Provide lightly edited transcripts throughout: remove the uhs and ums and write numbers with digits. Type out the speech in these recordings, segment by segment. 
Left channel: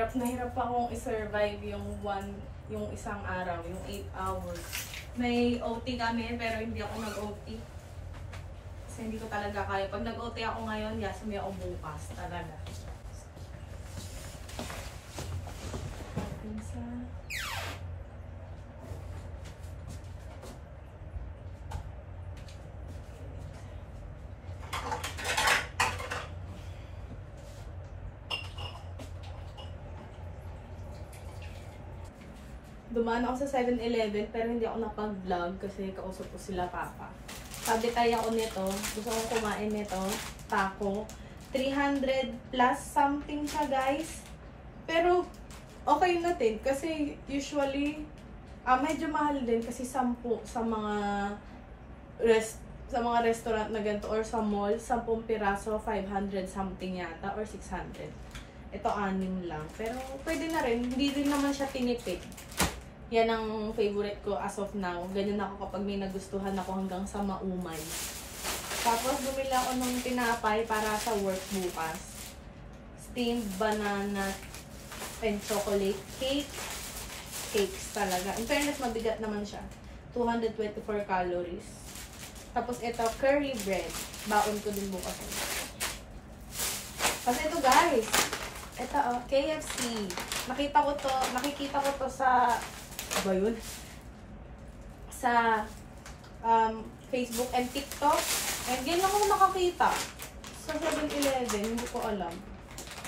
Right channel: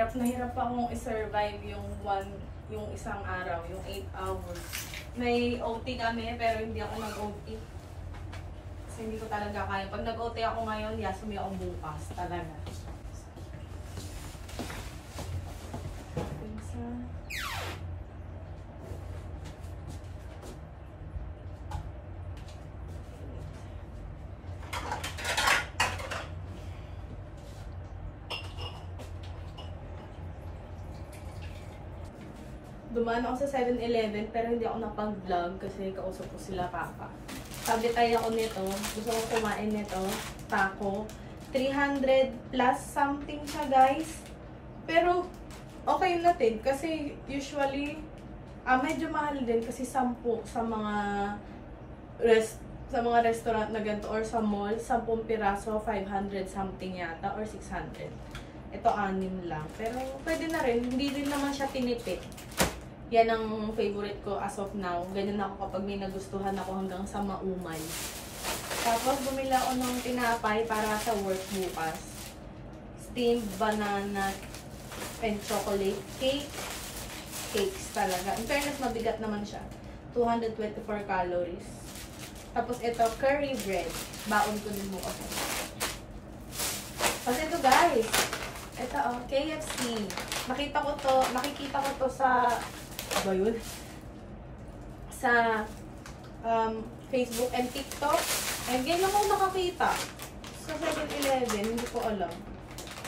Hirap na hirap akong i-survive yung isang araw, yung 8 hours. May OT kami, pero hindi ako nag-OT. Kasi hindi ko talaga kaya. Pag nag-OT ako ngayon, yasumi ako bukas. Talaga. Dumaan ako sa 7-Eleven pero hindi ako napag-vlog kasi kausap ko sila papa. Sabi tayo ako nito, gusto kong kumain nito, taco. 300 plus something siya guys. Pero okay na din kasi usually medyo mahal din kasi 10 sa mga restaurant na ganito or sa mall, 10 piraso, 500 something yata or 600. Ito 6 lang. Pero pwede na rin, hindi din naman siya tinipid. Yan ang favorite ko as of now. Ganyan ako kapag may nagustuhan ako hanggang sa maumay. Tapos bumili ako ng tinapay para sa work bukas. Steamed banana and chocolate cake. Cakes talaga. In fairness, mabigat naman siya. 224 calories. Tapos ito, curry bread. Baon ko din bukas. Kasi ito guys. Ito KFC. Nakikita ko to sa ba yun? Sa Facebook and TikTok. And ganyan lang ako nakakita. Sa 7-Eleven, hindi ko alam.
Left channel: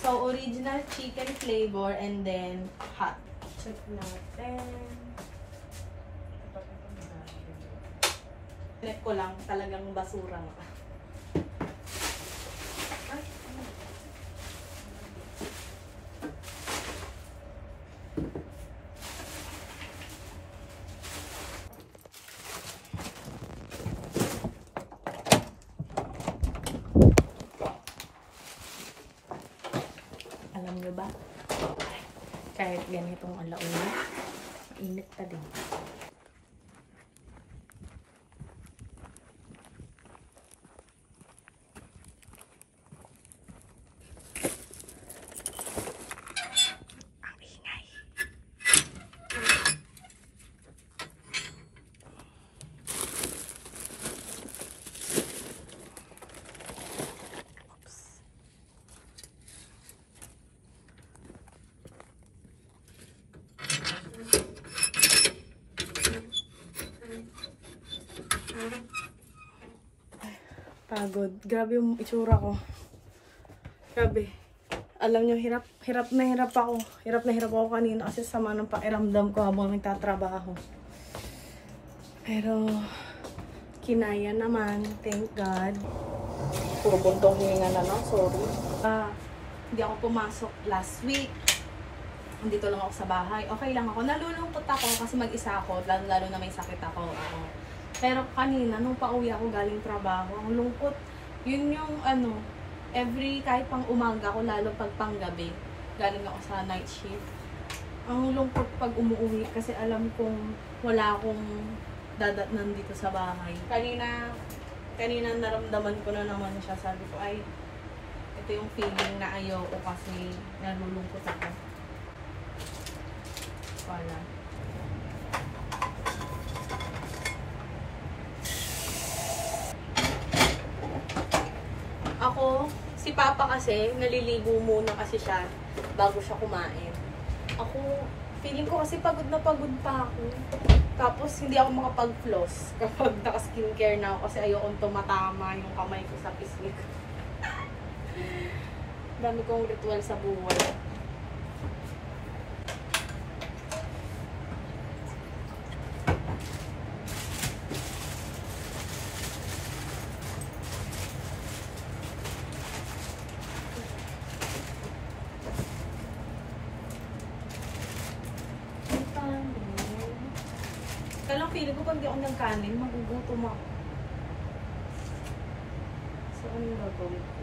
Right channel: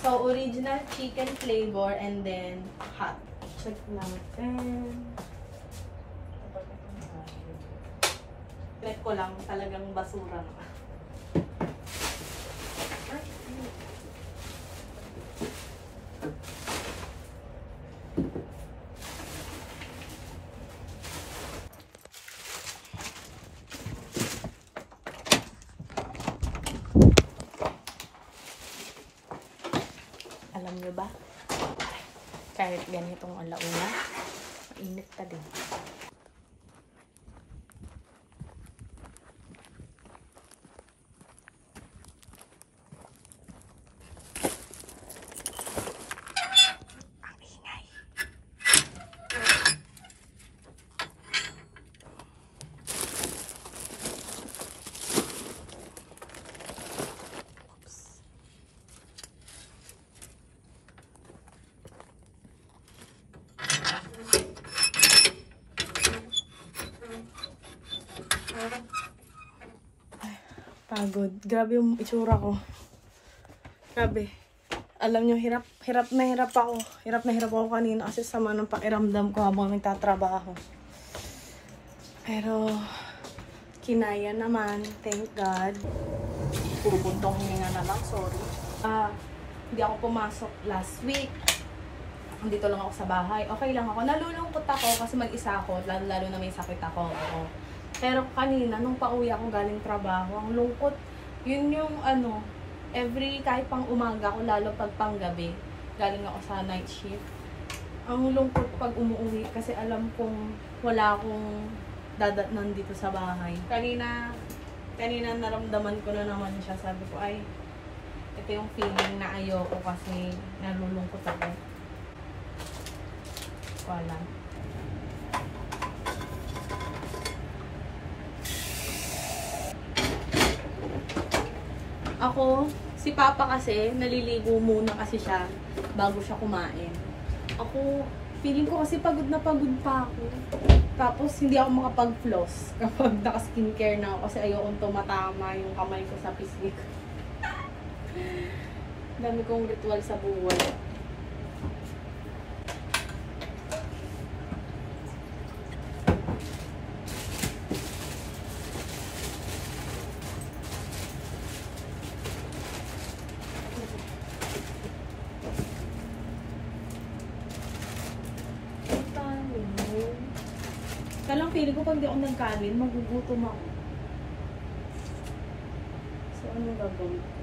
So, original chicken flavor and then hot. Check natin. Like ko lang, talagang basura na. Ay, alam nyo ba? Ay, kahit ganitong alauna, mainit pa din. Pagod. Grabe yung itsura ko. Grabe. Alam nyo, hirap na hirap ako. Hirap na hirap ako kanina kasi sama ng pakiramdam ko habang nagtatrabaho. Pero, kinaya naman. Thank God. Puro buntong hininga na lang. Sorry. Hindi ako pumasok last week. Dito lang ako sa bahay. Okay lang ako. Nalulungkot ako kasi mag-isa ako. Lalo na may sakit ako. Pero kanina, nung pauwi ako galing trabaho, ang lungkot. Yun yung kahit pang umaga ako, lalo pag panggabi, galing ako sa night shift. Ang lungkot pag umuwi kasi alam kong wala akong dadatnan dito sa bahay. Kanina naramdaman ko na naman siya. Sabi ko, ay, ito yung feeling na ayoko kasi nalulungkot ako. Wala. Ako, si Papa kasi, naliligo muna kasi siya bago siya kumain. Ako, feeling ko kasi pagod na pagod pa ako. Tapos, hindi ako makapag-floss kapag naka-skincare na ako kasi ayokong tumatama yung kamay ko sa pisngi. Dami kong ritual sa buhay. Kalang feeling ko pag di ako nagkanin, magugutom ako. So, anong gagawin ko?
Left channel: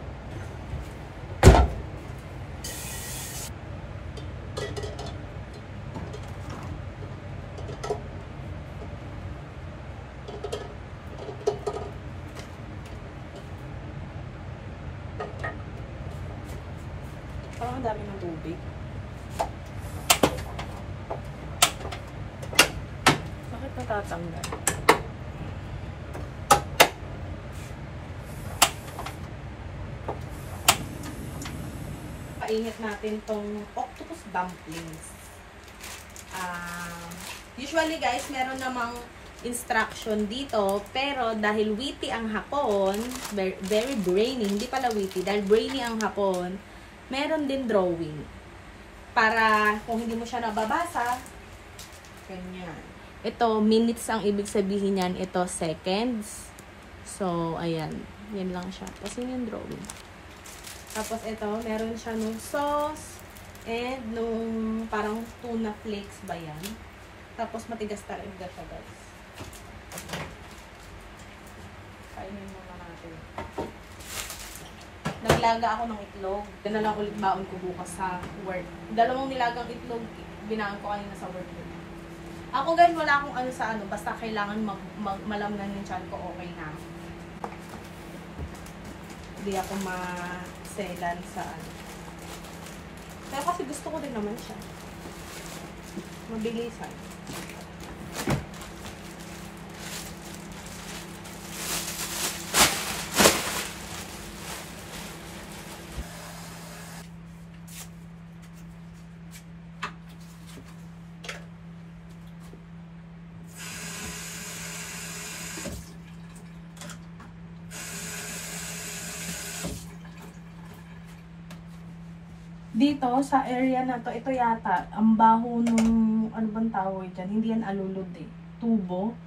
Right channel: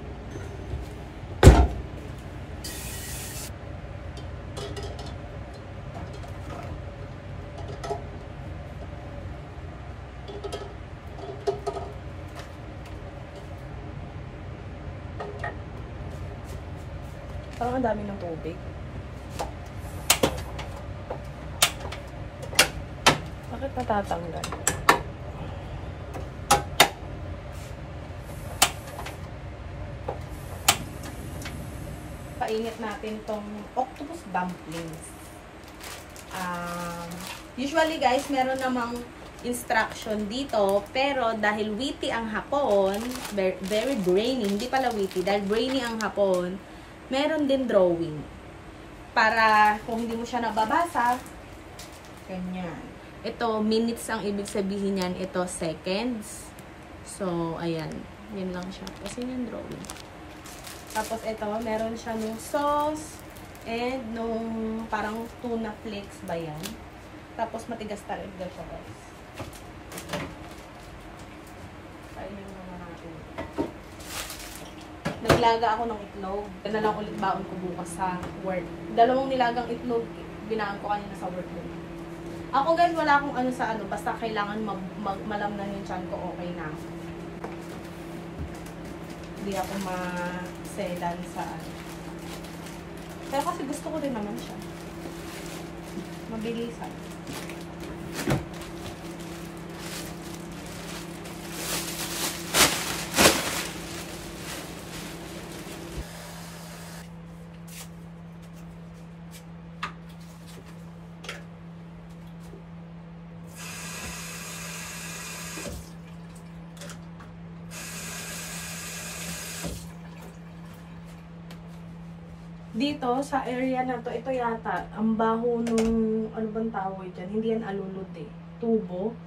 Parang ang dami ng tubig. natatanggal. Painit natin tong octopus dumplings. Usually guys, meron namang instruction dito, pero dahil witty ang hapon, very brainy, hindi pala witty, dahil brainy ang hapon, meron din drawing. Para kung hindi mo siya nababasa, ganyan. Ito, minutes ang ibig sabihin yan, ito seconds. So, ayan, yan lang siya. Kasi yung drawing. Tapos ito, meron siya nung sauce, and nung parang tuna flakes ba yan. Tapos matigas talaga siya guys. Kainin muna natin. Naglaga ako ng itlog. Yan na lang ulit baon ko bukas sa work. 2 nilagang itlog, binaan ko kanina sa work. Ako guys, wala akong ano sa ano. Basta kailangan malamnan yung tiyan ko, okay na. Hindi ako maselan sa ano. Pero kasi gusto ko din naman siya. Mabilisan. Dito, sa area na to, ito yata, ang baho nung, ano bang tawag dyan? Hindi yan alulod eh. Tubo.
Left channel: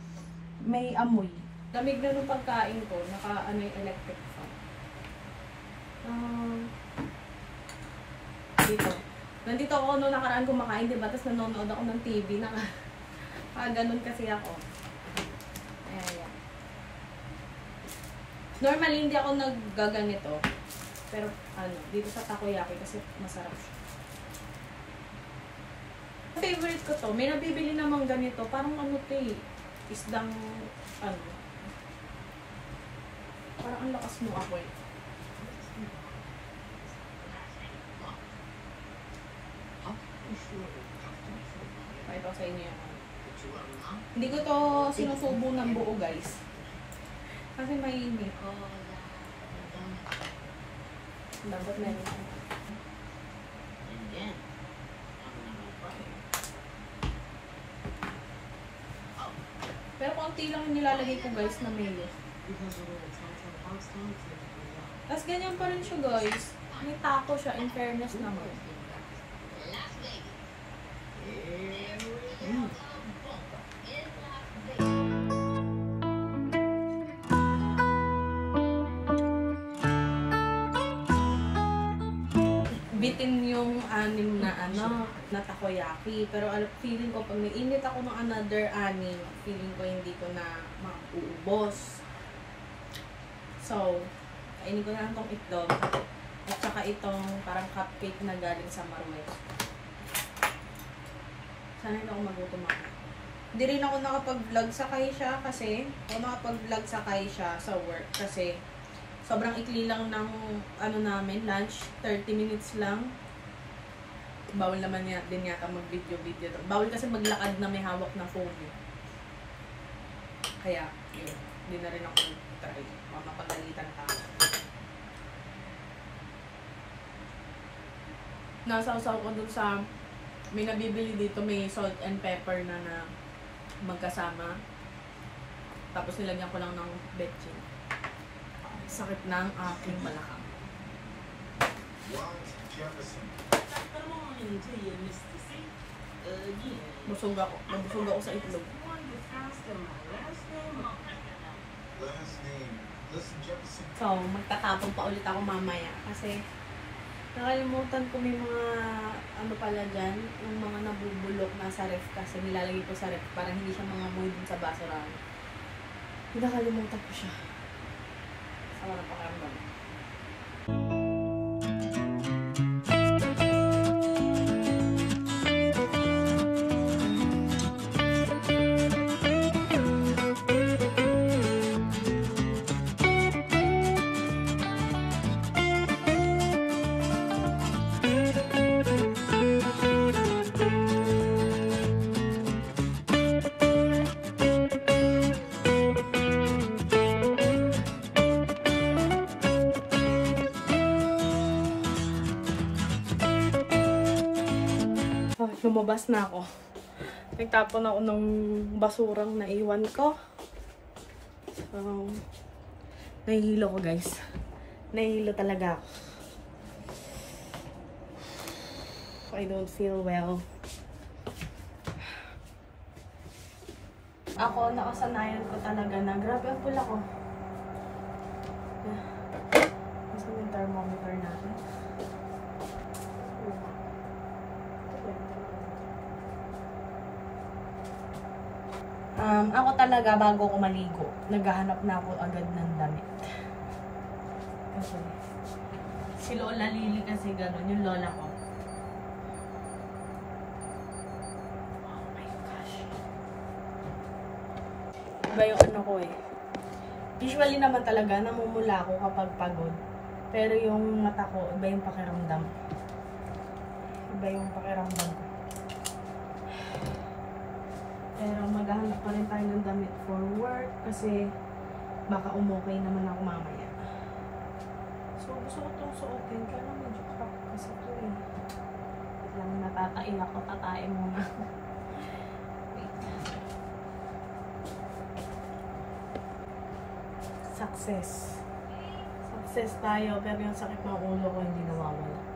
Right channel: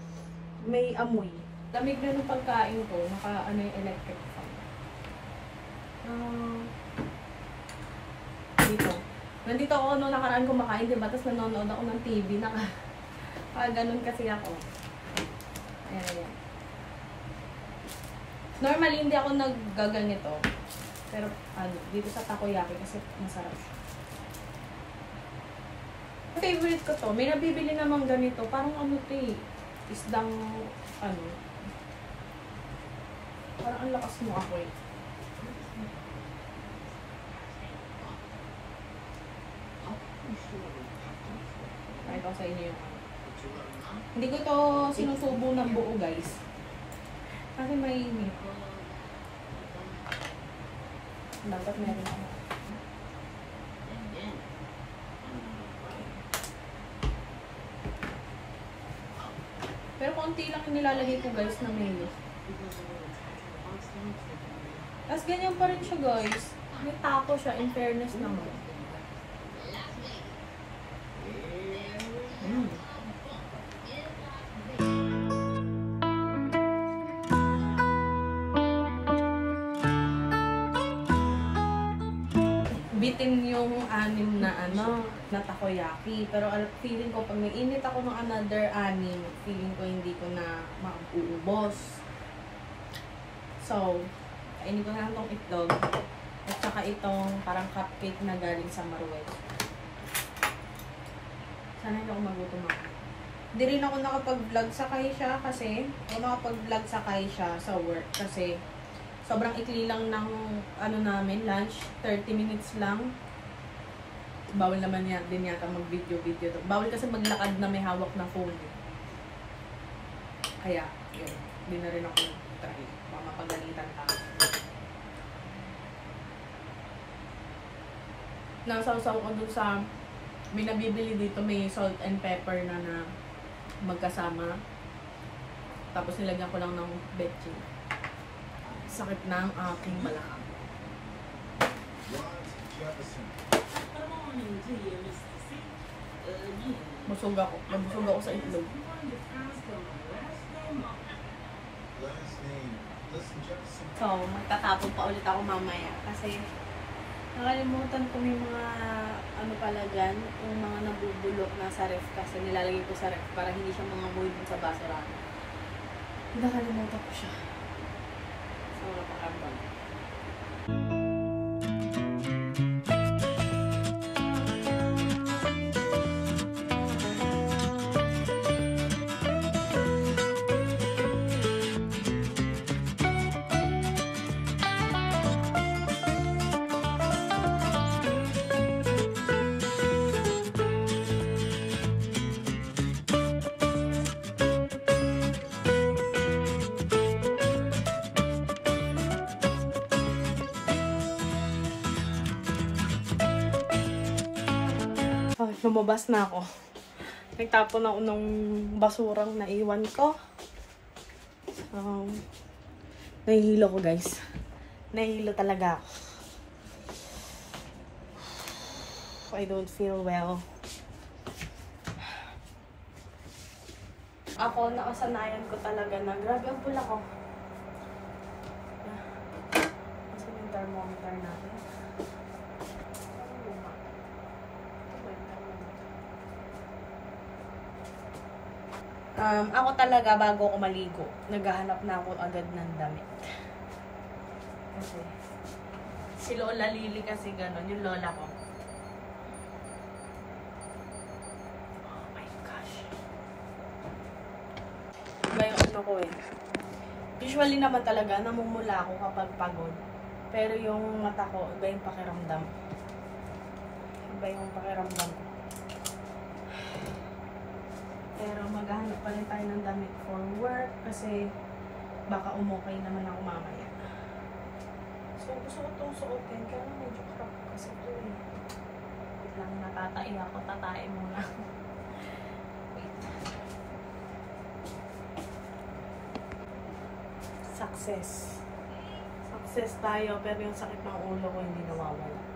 May amoy. Lamig na nung pagkain ko, ano yung electric fan. Dito. Nandito ako nung nakaraan kumakain, diba? Tapos nanonood ako ng TV, ganun kasi ako. Ayan, ayan. Normally, hindi ako naggaganito. Pero, dito sa takoyaki kasi masarap siya. Favorite ko to. May nabibili namang ganito. Parang isdang, parang ang lakas mo ako eh. Pakita ko sa inyo yung Hindi ko to sinusubo ng buo guys. Kasi mainit. Dapat meron ako. Pero konti lang yung nilalagay ko guys na mayo. Tapos ganyan pa rin siya guys. May taco siya, in fairness naman. Bitin yung 6 na takoyaki. Pero feeling ko, pag may init ako ng another 6, feeling ko hindi ko na mauubos. So, kainin ko na itong itlog. At saka itong parang cupcake na galing sa Marwet. Sana hindi ako magutom ako. Hindi rin ako nakapag-vlog sa Kaisha kasi, nakapag-vlog sa Kaisha sa work kasi sobrang ikli lang ng namin, lunch, 30 minutes lang. Bawal naman din yata mag-video. Bawal kasi maglakad na may hawak na phone. Kaya, yun. Hindi na rin ako try. Mamapagalitan tayo. Nasaw-saw ko dun sa, may nabibili dito, may salt and pepper na magkasama. Tapos nilagyan ko lang ng betchin. Sakit ng aking balakang. Busog ako. Nabusog ako sa itlog. So, magtatapon pa ulit ako mamaya. Kasi, nakalimutan ko may mga, pala dyan, yung mga nabubulok na sa ref kasi nilalagay ko sa ref para hindi siya mga moy dun sa basurahan. Nakalimutan ko siya. Sama na pakiramdam. lumabas na ako. Nagtapon ako ng basurang naiwan ko. Nahihilo ko, guys. Nahihilo talaga ako. I don't feel well. Ako, nakasanayan ko talaga na grabe ang pula ko. Saan yung thermometer natin? Ako talaga, bago ko maligo, naghahanap na ako agad ng damit. Kasi, si Lola Lily kasi gano'n, yung lola ko. Oh my gosh. Iba yung ano ko eh. Usually naman talaga, namumula ako kapag pagod. Pero yung mata ko, iba yung pakiramdam. Iba yung pakiramdam ko. Pero maghahanap pa rin tayo ng damit for work kasi baka umukay naman ako mamaya. So, gusto ko itong suotin. Kaya lang medyo crap kasi ito eh. Wait lang, natatain ako. Tatain muna ako. Wait. Success. Success tayo pero yung sakit ng ulo ko hindi nawawala.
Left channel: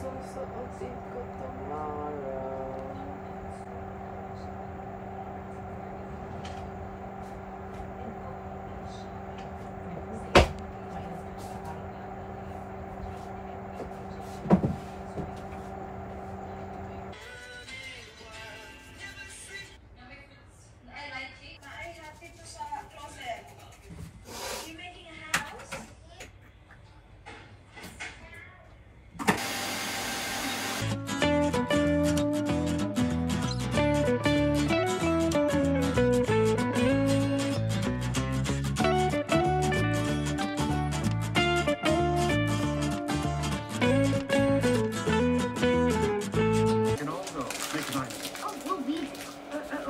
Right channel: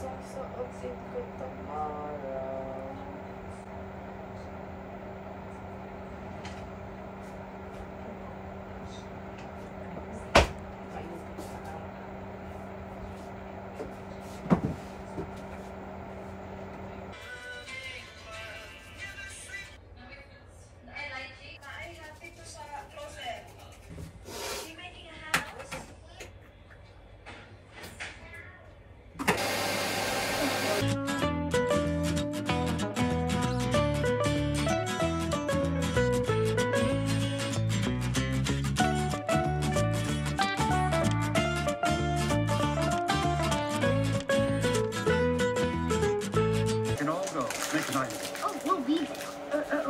Susuotin ko tomorrow.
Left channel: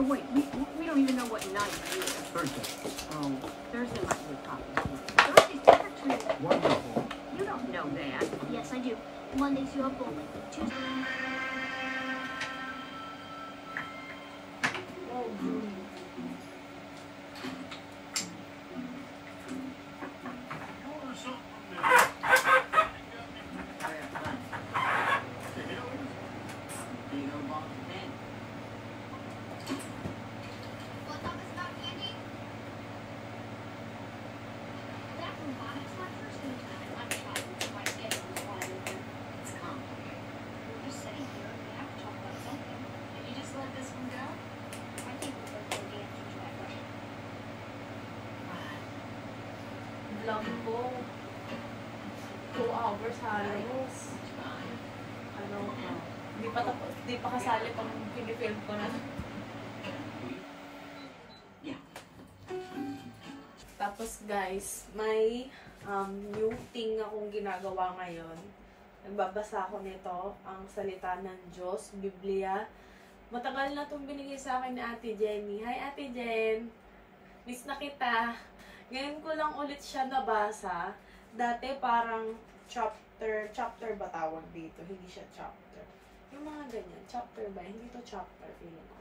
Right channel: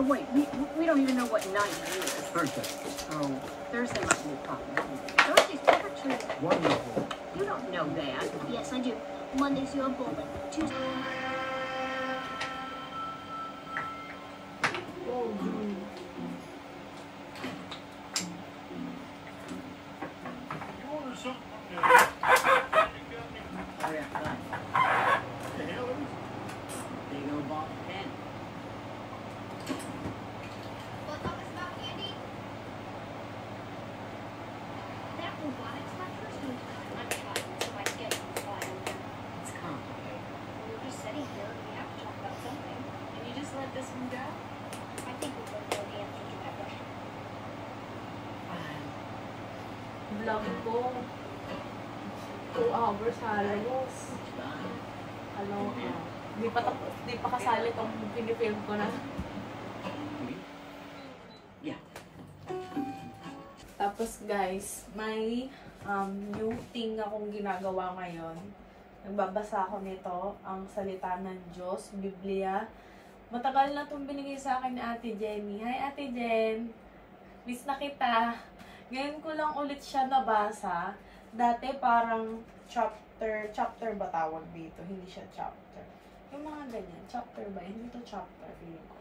Wait, we don't even know what night it is. Thursday. Oh, Thursday might be a problem. Thursday's temperature. Wonderful. You don't know that. Yes, I do. Monday's your bowl. Tuesday. Vlogging ko 2 hours halos. Hindi pa kasali itong pinifilm ko na. Yeah. Tapos guys, may new thing akong ginagawa ngayon. Nagbabasa ako nito, ang salita ng Diyos, Biblia. Matagal na itong binigay sa akin ni Ate Jenny. Hi Ate Jen! Miss na kita! Ngayon ko lang ulit siya nabasa. Dati parang chapter ba tawag dito? Hindi siya chapter. Yung mga ganyan. Chapter ba? Hindi to chapter. Feeling ko.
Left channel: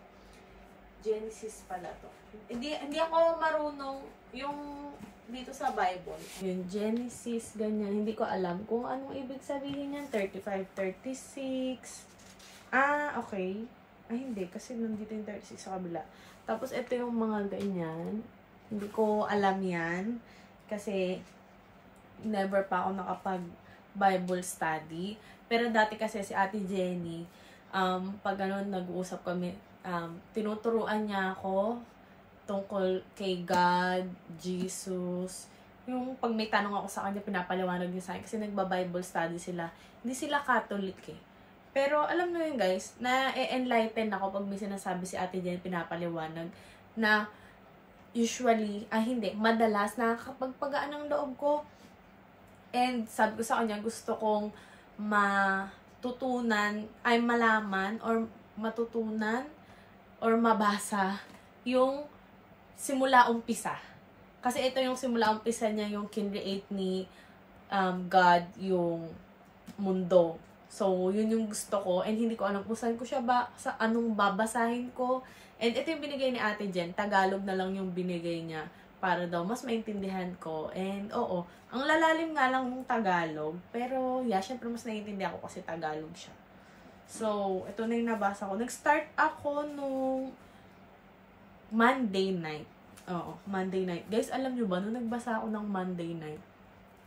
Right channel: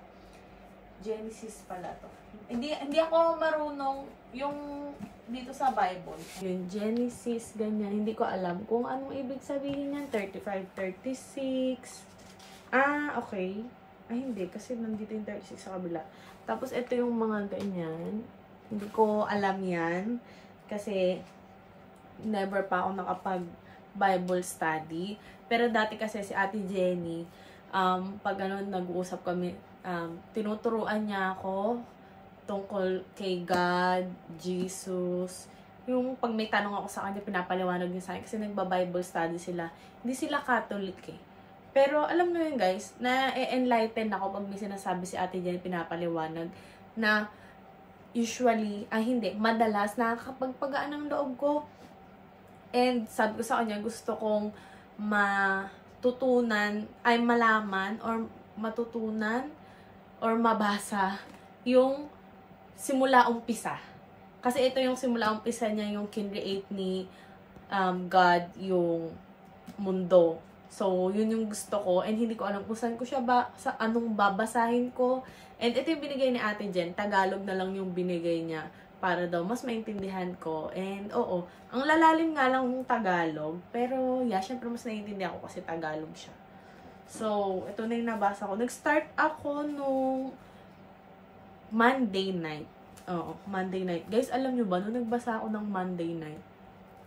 Genesis pala to. Hindi ako marunong yung dito sa Bible. Yung Genesis, ganyan. Hindi ko alam kung anong ibig sabihin yan. 35, 36. Ah, okay. Ay, hindi. Kasi nandito yung 36 sa kabila. Tapos, ito yung mga ganyan. Hindi ko alam yan. Kasi, never pa ako nakapag-Bible study. Pero dati kasi si Ate Jenny, pag ganun, nag-uusap kami, tinuturuan niya ako tungkol kay God, Jesus. Yung pag may tanong ako sa kanya, pinapaliwanag niya sa akin. Kasi nagba-Bible study sila. Hindi sila Catholic eh. Pero alam mo yun guys, na-enlighten ako pag may sinasabi si Ate Jenny, pinapaliwanag, na usually, hindi, madalas nakakapagpagaan ng loob ko. And sabi ko sa kanya, gusto kong malaman or matutunan or mabasa yung simula umpisa. Kasi ito yung simula umpisa niya, yung kinreate ni God yung mundo. So, yun yung gusto ko. And hindi ko alam kung saan ko siya sa anong babasahin ko. And ito yung binigay ni Ate Jen. Tagalog na lang yung binigay niya para daw mas maintindihan ko. And oo, ang lalalim nga lang ng Tagalog. Pero yeah, syempre mas naiintindihan ko kasi Tagalog siya. So, ito na yung nabasa ko. Nag-start ako nung Monday night. Oo, Monday night. Guys, alam nyo ba, nung nagbasa ako ng Monday night,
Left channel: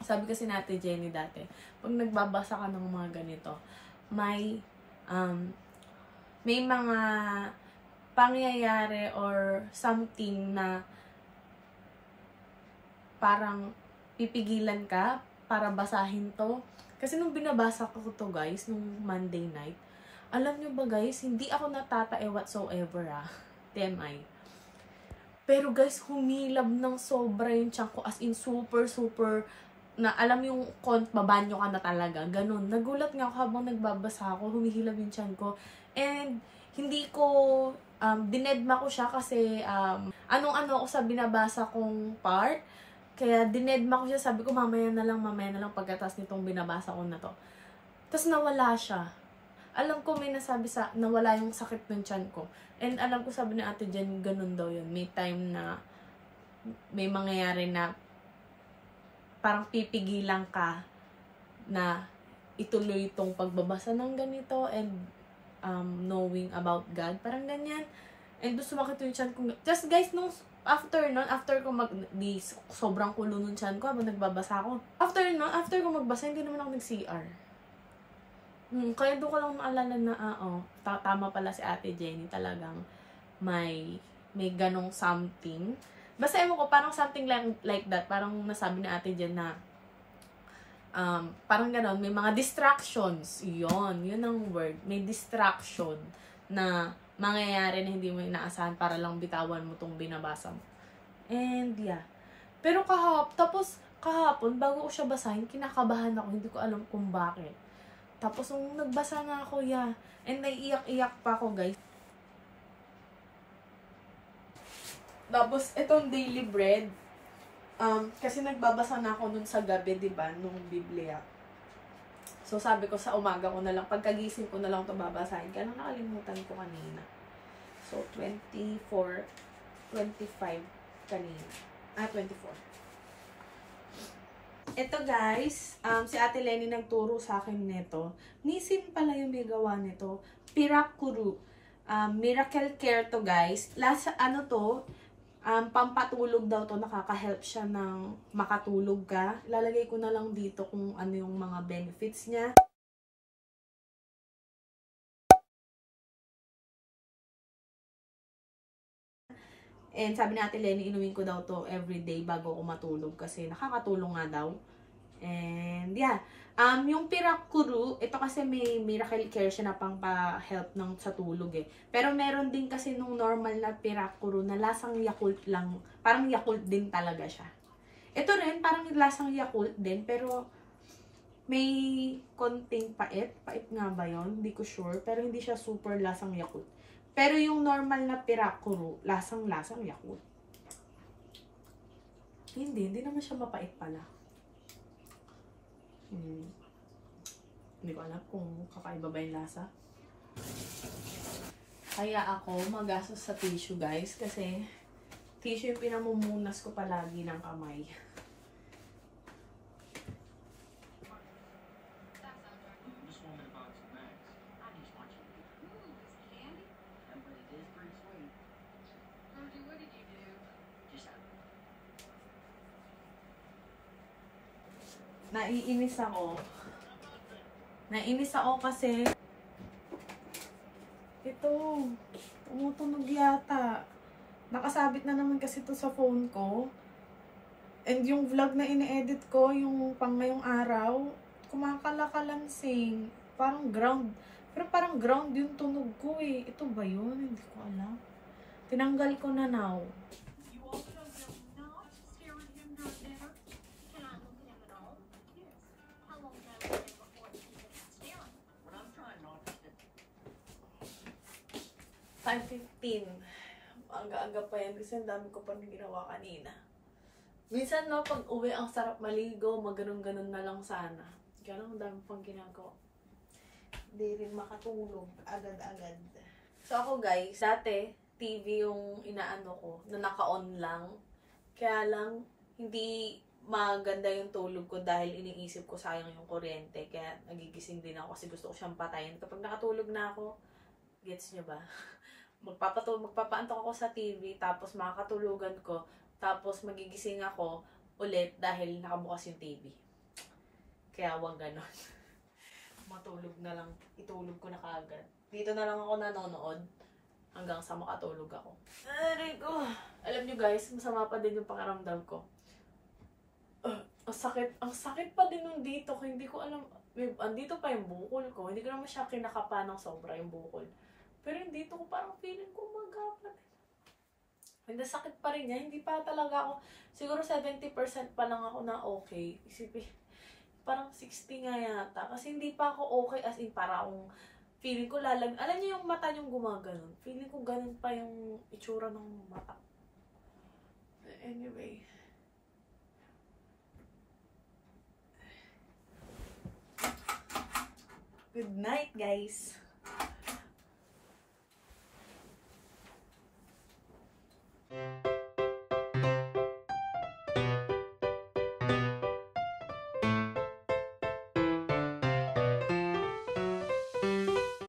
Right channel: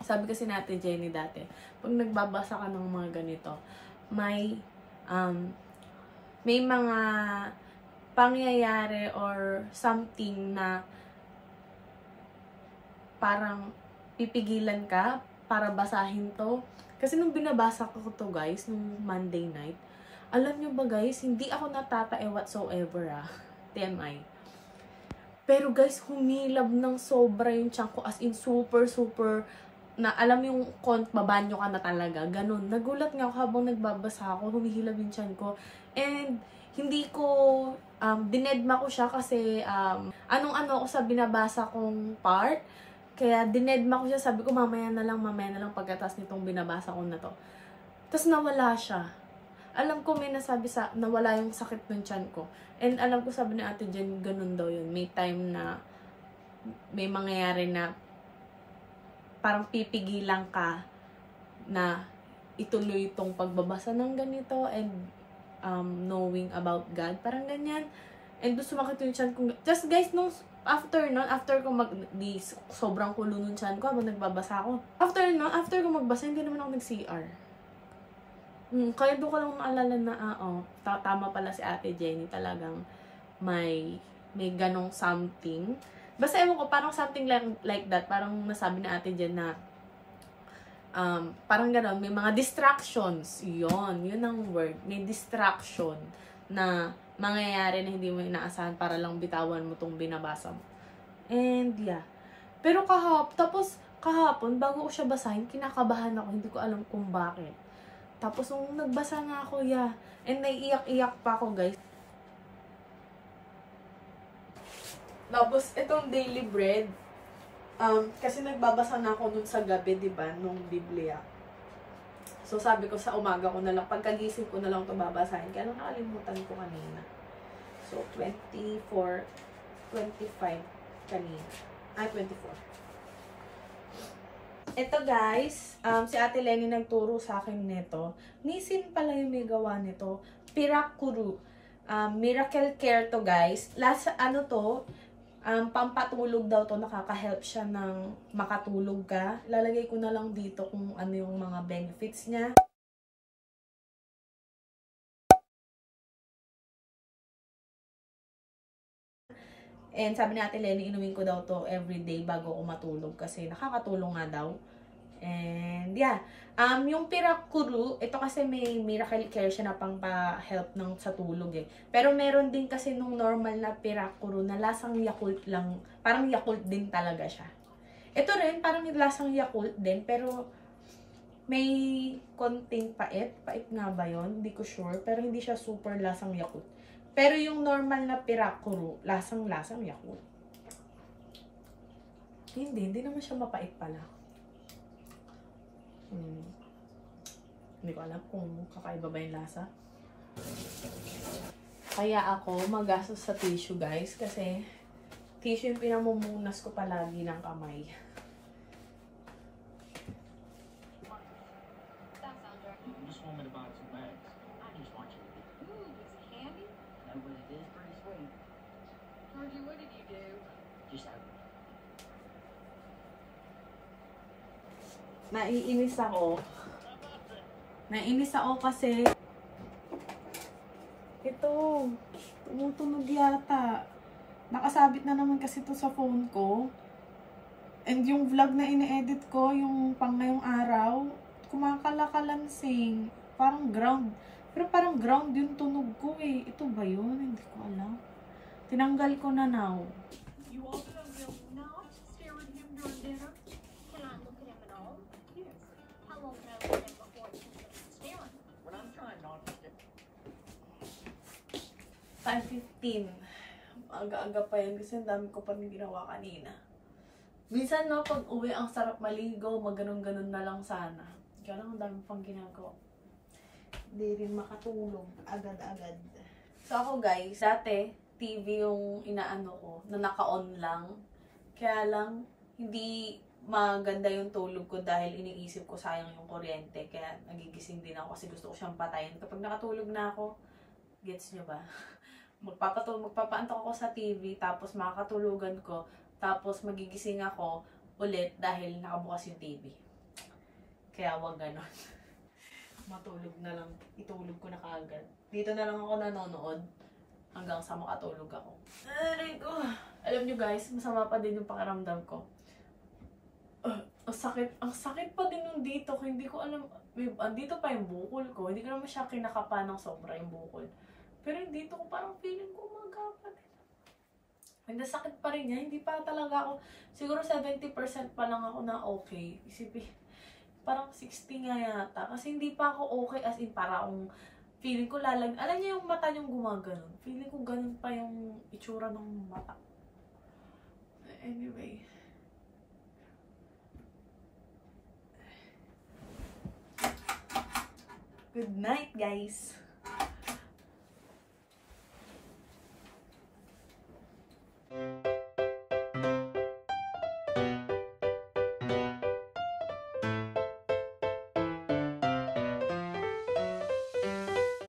sabi kasi natin Jenny dati, pag nagbabasa ka ng mga ganito, may mga pangyayari or something na parang pipigilan ka para basahin to. Kasi nung binabasa ko to guys, nung Monday night, alam nyo ba guys, hindi ako natatae whatsoever TMI. Pero guys, humilab ng sobra yung tiyan ko, as in super na alam yung babanyo ka na talaga, ganun. Nagulat nga ako habang nagbabasa ako, humihilab yung tiyan ko. And hindi ko, dinedma ko siya kasi anong-ano ako sa binabasa kong part. Kaya dinedma ko siya, sabi ko mamaya na lang pagkatas nitong binabasa ko na to. Tapos nawala siya. Alam ko may nasabi nawala yung sakit ng tiyan ko. And alam ko sabi ni Ate Jen, ganun daw yun. May time na may mangyayari na parang pipigilan ka na ituloy itong pagbabasa ng ganito and knowing about God. Parang ganyan. And doon sumakit yung tiyan ko. Just guys, after ko sobrang kulo nung tiyan ko habang nagbabasa ako. After ko magbasa, hindi naman ako nag-CR. Kaya doon ko lang naalala na, tama pala si Ate Jenny, talagang may ganong something. Basta ewan ko, parang something like that. Parang nasabi ni Ate Jen na, parang ganon, may mga distractions. Yun ang word. May distraction na mangyayari na hindi mo inaasahan para lang bitawan mo tong binabasa mo. And yeah. Pero kahapon, bago ko siya basahin, kinakabahan ako. Hindi ko alam kung bakit. Tapos nung nagbasa na ako, yeah. And naiiyak-iyak pa ako, guys. Tapos itong daily bread, kasi nagbabasa na ako nun sa gabi, diba, nung Biblia. So sabi ko sa umaga ko na lang, pagkagising ko na lang ito babasahin. Kaya lang nakalimutan ko kanina. So 24, 25 kanina. 24. Ito guys, si Ate Lenny nagturo sa akin nito. Nisin pala yung may gawa nito. Pirakuru. Miracle Care to guys. Pampatulog daw to. Nakaka-help siya ng makatulog ka. Lalagay ko na lang dito kung ano yung mga benefits niya. And sabi ni Ate Lenny, inumin ko daw to everyday bago ako matulog kasi nakakatulong nga daw. And yeah, yung Pirakuru, ito kasi may Miracle Care siya na pang pa-help sa tulog eh. Pero meron din kasi nung normal na Pirakuru na lasang Yakult lang, parang Yakult din talaga siya. Ito rin, parang lasang Yakult din, pero may konting pait. Pait nga ba yun? Hindi ko sure, pero hindi siya super lasang Yakult. Pero yung normal na Pirakuru, lasang-lasang Yakult. Hindi naman siya mapait pala. Hindi ko alam kung kakaiba ba yung lasa. Kaya ako magastos sa tissue guys, kasi tissue yung pinamumunas ko palagi ng kamay. Naiinis ako kasi ito, tumutunog yata. Nakasabit na naman kasi ito sa phone ko. And yung vlog na ini-edit ko, yung pang ngayong araw, kumakalakalansing. Parang ground. Pero parang ground yung tunog ko eh. Ito ba yun? Hindi ko alam. Tinanggal ko na now. Aga-aga pa yan kasi ang dami ko pa rin ginawa kanina. Minsan no, pag uwi ang sarap maligo, maganon-ganon na lang sana. Kaya lang ang dami pang ginagawa. Hindi rin makatulog agad-agad. So ako guys, dati TV yung inaano ko, na naka-on lang. Kaya lang, hindi maganda yung tulog ko dahil iniisip ko sayang yung kuryente. Kaya nagigising din ako kasi gusto ko siyang patayin. Kapag nakatulog na ako, gets nyo ba? Magpapaantok ako sa TV, tapos makakatulugan ko, tapos magigising ako ulit dahil nakabukas yung TV. Kaya wag ganon. Matulog na lang, itulog ko na kaagad. Dito na lang ako nanonood hanggang sa makatulog ako. Aray ko! Alam nyo guys, masama pa din yung pakiramdam ko. Ang sakit pa din nung dito. Hindi ko alam, andito pa yung bukol ko. Hindi ko naman siya kinakapa ng sobra yung bukol. Pero dito ko parang feeling ko magapa din. Hindi, sakit pa rin niya. Hindi pa talaga ako, siguro 70% pa lang ako na okay. Isipin, parang 60 nga yata. Kasi hindi pa ako okay, as in para akong feeling ko alam niyo yung mata niyong gumaganon. Feeling ko ganun pa yung itsura ng mata. Anyway. Good night, guys!